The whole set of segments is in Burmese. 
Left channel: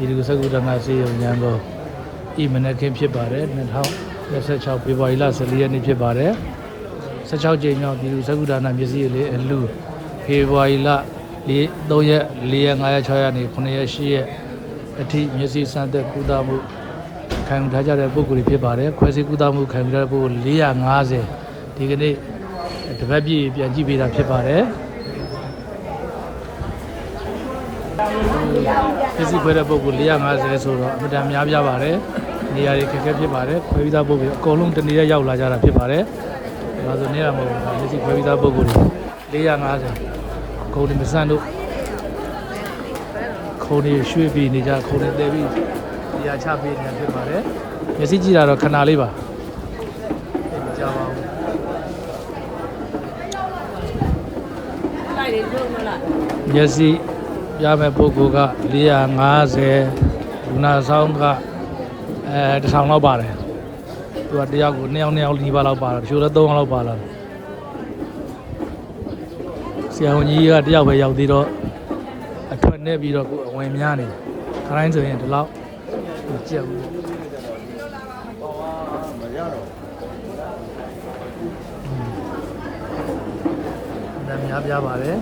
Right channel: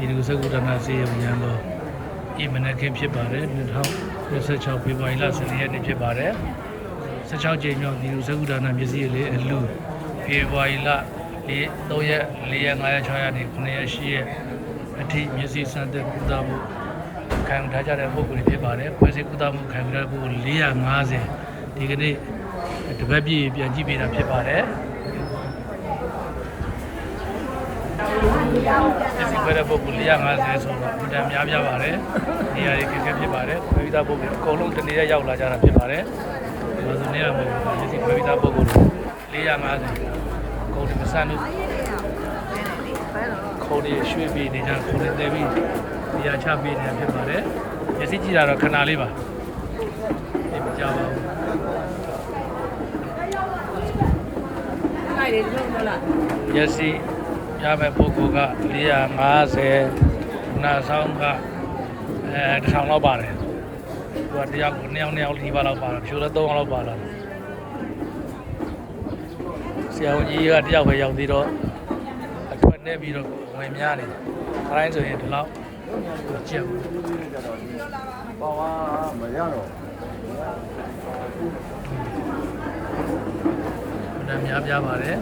ဒီလိုစကုဒနာစေယုံရန်ကုန်ဤမနက်ခင်းဖြစ်ပါတယ်2026ဖေဖော်ဝါရီလ14ရက်နေ့ဖြစ်ပါတယ်16ကြိမ်မြောက်ဒီလိုစကုဒနာမျက်စိလေးအလူဖေဖော်ဝါရီလ3ရက်4ရက်5ရက်6ရက်နေ့9ရက်10ရက်အထိမျက်စိစမ်းသက်ကုသမှုခံယူထားကြတဲ့ပုဂ္ဂိုလ်တွေဖြစ်ပါတယ်ဖွဲ့စည်းကုသမှုခံယူတဲ့ပုဂ္ဂိုလ်450ဒီကနေ့တပတ်ပြည့်ပြန်ကြည့်ပေးတာဖြစ်ပါတယ်ဒီစီဖွဲ့တဲ့ပုဂ္ဂိုလ်450ဆိုတော့အများများပြပါတယ်နေရာတွေခက်ခဲဖြစ်ပါတယ်ဖွဲ့ပြီးသားပုဂ္ဂိုလ်အကုန်လုံးတနေ့ရောက်လာကြတာဖြစ်ပါတယ်ဒါဆိုနေရာမှာဒီစီဖွဲ့ပြီးသားပုဂ္ဂိုလ်450ကိုယ်ဒီစံတို့ကိုယ်ဒီရွှေ့ပြီးနေကြကိုယ်တွေတည်ပြီးနေရာချပေးနေတာဖြစ်ပါတယ်မျက်စိကြည့်တာတော့ခဏလေးပါဒီမကြောက်ပါဘူးမျက်စိရမယ့်ပုဂ္ဂိုလ်က450နာဆောင်က1000လောက်ပါတယ်သူကတယောက်ကို2ယောက်ဒီပါလောက်ပါတယ်ဖြိုးလည်း3ယောက်လောက်ပါလာဆရာဝန်ကြီးကတယောက်ပဲရောက်သေးတော့အထွက်နေပြီးတော့ဝင်များနေခိုင်းဆိုရင်ဒီလောက်ကြက်ဘူးပါဝါမရတော့ဒါများပြပါတယ်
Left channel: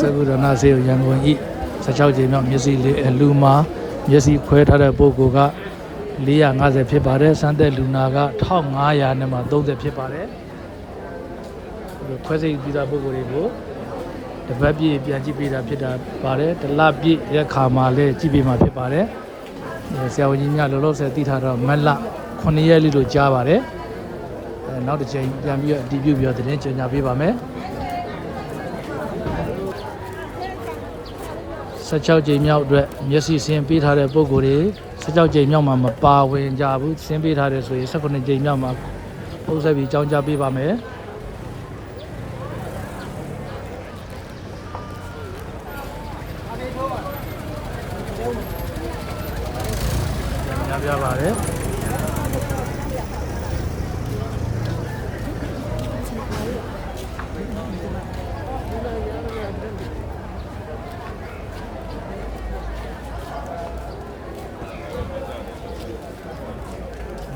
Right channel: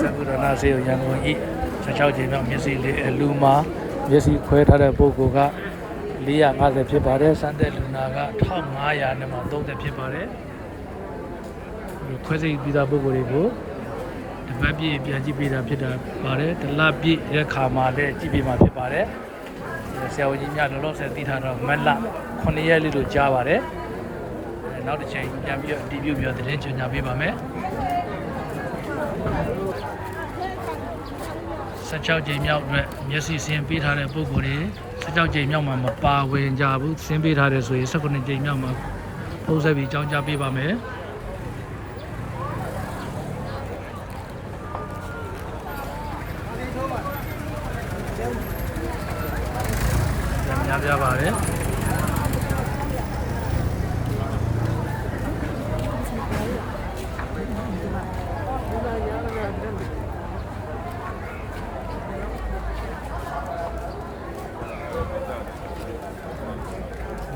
စကုဒနာစေယုံရန်ကုန်ဤ16ကြိမ်မြောက်မျက်စိလေးအလူမှာမျက်စိခွဲထားတဲ့ပုဂ္ဂိုလ်က450ဖြစ်ပါတယ်စမ်းတဲ့လူနာက1500နဲ့မှ30ဖြစ်ပါတယ်ခွဲစိတ်ပြီးသားပုဂ္ဂိုလ်တွေကိုတပတ်ပြည့်ပြန်ကြည့်ပေးတာဖြစ်တာပါတယ်တလပြည့်ရက်ခါမှာလည်းကြည့်ပေးမှာဖြစ်ပါတယ်ဆရာဝန်ကြီးများလောလောဆယ်သိထားတော့မလ9ရက်လေးလို့ကြားပါတယ်နောက်တစ်ချိန်ပြန်ပြီးအတည်ပြုပြီးတော့သတင်းကြေညာပေးပါမယ်16ကြိမ်မြောက်အတွက်မျက်စိဆင်းပေးထားတဲ့ပုံကိုယ်တွေ16ကြိမ်မြောက်မှာမပါဝင်ကြဘူးဆင်းပေးထားတယ်ဆိုရင်18ကြိမ်မြောက်မှာပုံစံပြီးကြောင်းကြပေးပါမယ်ပြပါတယ်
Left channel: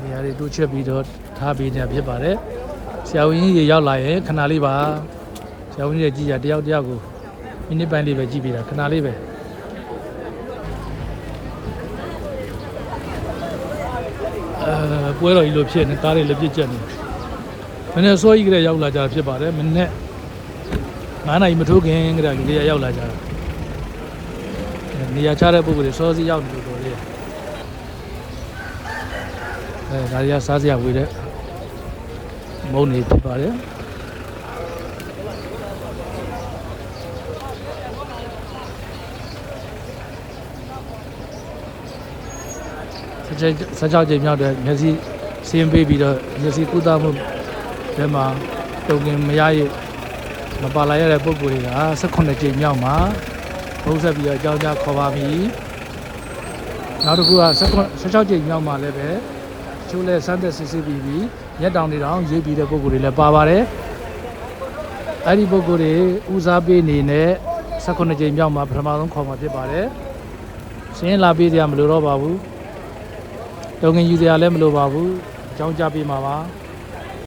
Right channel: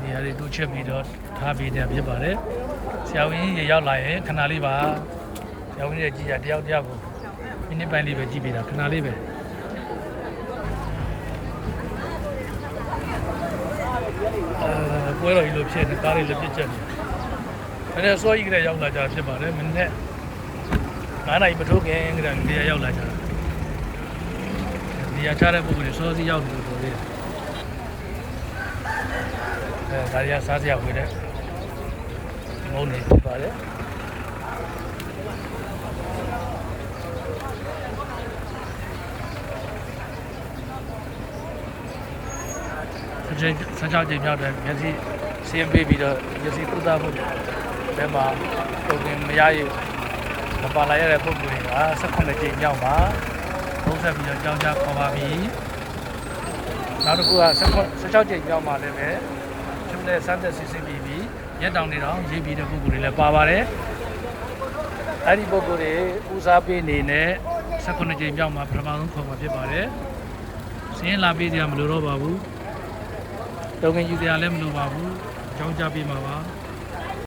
နေရာတွေတိုးချက်ပြီးတော့ထားပေးနေဖြစ်ပါတယ်ဆရာဝန်ကြီးရေရောက်လာရင်ခဏလေးပါဆရာဝန်ကြီးကြည့်ရတယောက်ကိုမိနစ်ပိုင်းလေးပဲကြည့်ပေးတာခဏလေးပဲပွဲတော်ကြီးလိုဖြစ်နေတာတွေလည်းပြည့်ကျက်နေတယ်နည်းနည်းစောကြီးကလေးရောက်လာကြဖြစ်ပါတယ်မနေ့9နိုင်မထိုးခင်ကလေးရောက်လာကြတာနေရာချတဲ့ပုဂ္ဂိုလ်တွေစောစီရောက်နေလို့တော်သေးတယ်ဒါရီစားစရာဝေးတဲ့မုန်းနေဖြစ်ပါတယ်16ကြိမ်မြောက်တဲ့မျက်စိဆင်းပေးပြီးတော့မျက်စိကုသမှုဘယ်မှာပုံပြင်မရရမပါလာရတဲ့ပုဂ္ဂိုလ်တွေက18ကြိမ်မြောက်မှာသုံးဆက်ပြီးတော့အကြောင်းကြားခေါ်ပါပြီနောက်တစ်ခုက16ကြိမ်မြောက်မှာလည်းပဲကျုံးနဲ့စမ်းသက်စစ်ဆေးပြီးပြီးရက်တောင်နေတော့ရေးပြီးတဲ့ပုဂ္ဂိုလ်တွေလည်းပါပါတယ်အဲ့ဒီပုဂ္ဂိုလ်တွေဦးစားပေးနေနဲ့18ကြိမ်မြောက်မှာပထမဆုံးခေါ်မှာဖြစ်ပါတယ်ဆင်းလာပေးကြမလို့တော့ပါဘူးတောင်းကင်ယူစရာလည်းမလိုပါဘူးအကြောင်းကြားပေးမှာပါ